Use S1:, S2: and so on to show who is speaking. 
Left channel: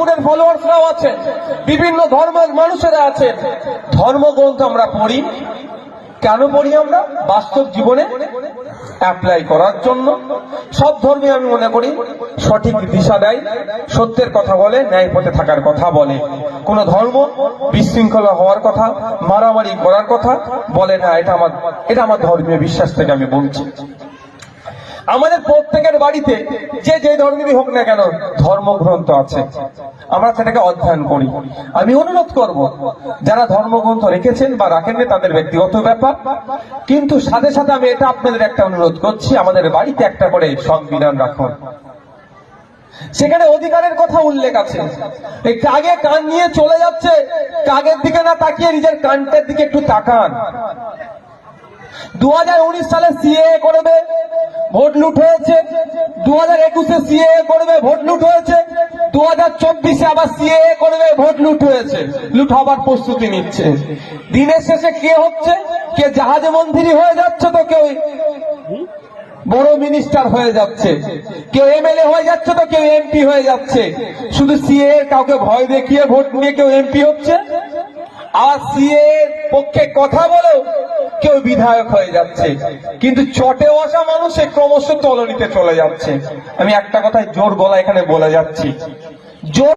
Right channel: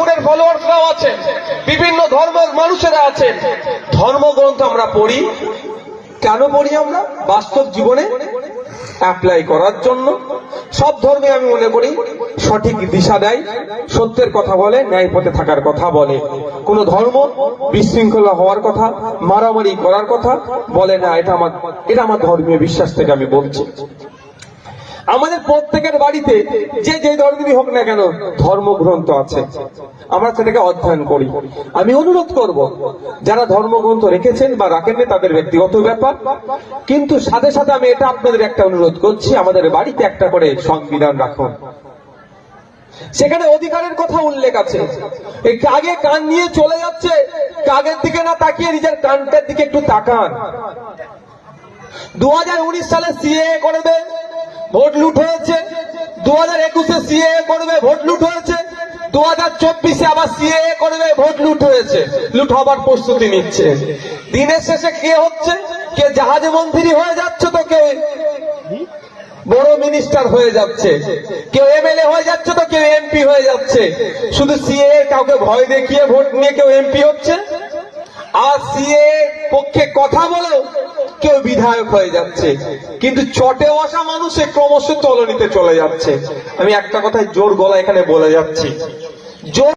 S1: ঠাকুরের ফলোয়ার্সরাও আছেন, বিভিন্ন ধর্মের মানুষেরা আছেন। ধর্মগ্রন্থ আমরা পড়ি। কেন পড়ি আমরা? বাস্তব জীবনে অ্যাপ্লাই করার জন্য। সব ধর্মে আমি মনে করি সঠিক দিশা দেয়, সত্যের কথা বলে, ন্যায় পথে থাকার কথা বলে। কোন ধর্ম বিশৃঙ্খলা হওয়ার কথা, মারামারি করার কথা বলে না। এটা আমার এটা আমার ধর্মীয় বিশ্বাস থেকে আমি বলছি। আমাদের প্রত্যেকের বাড়িতে যে যে ধর্মেরই হোক না কেন ধর্মগ্রন্থ আছে। আমরা সেটাকে অধ্যয়ন করি। আমি অনুরোধ করব, যারা ধর্মগ্রন্থ রেখেছেন বা রাখেননি তাদের ব্যক্তিগত ব্যাপার। কিন্তু সাথে সাথে আমি এটা আপনাদের একটা অনুরোধ করছি, আমাদের বাড়িতে একটা করে সংবিধান রাখুন। সেখানে অধিকারের কথা উল্লেখ আছে। এই কাগে কান নিয়ে চলে যাচ্ছে, কাগের দিকে না তাকিয়ে নিজের কানটার দিকে একটু তাকান। দু হাজার উনিশ সালে সিএ করবে ভোট লুট হয়েছে। দু হাজার একুশে সিএ করবে ভোট লুট হয়েছে। দু হাজার চব্বিশে আবার সিএ করবে ভোট লুট হয়েছে। লুট হবার প্রস্তুতি নিচ্ছে। দিনের শেষে কে হচ্ছে? কে জাহাজে মন্ত্রী হয়ে যাচ্ছে তো কে বড় মিনিস্টার হয়ে যাচ্ছে? কেউ এমএলএ হয়ে যাচ্ছে তো কেউ এমপি হয়ে যাচ্ছে? শুধু সিএ কাউকে ভয় দেখিয়ে ভোট নিয়ে কেউ এমপি হচ্ছে? আর সিএ পক্ষে কথা বলেও কেউ বিধায়ক হয়ে যাচ্ছে। কিন্তু চটে বসা মানুষে ক্রমশ চলনিতে চলে যাচ্ছে। আমি একটা কথায় জোর গলা এখানে বলে যাচ্ছি। জোর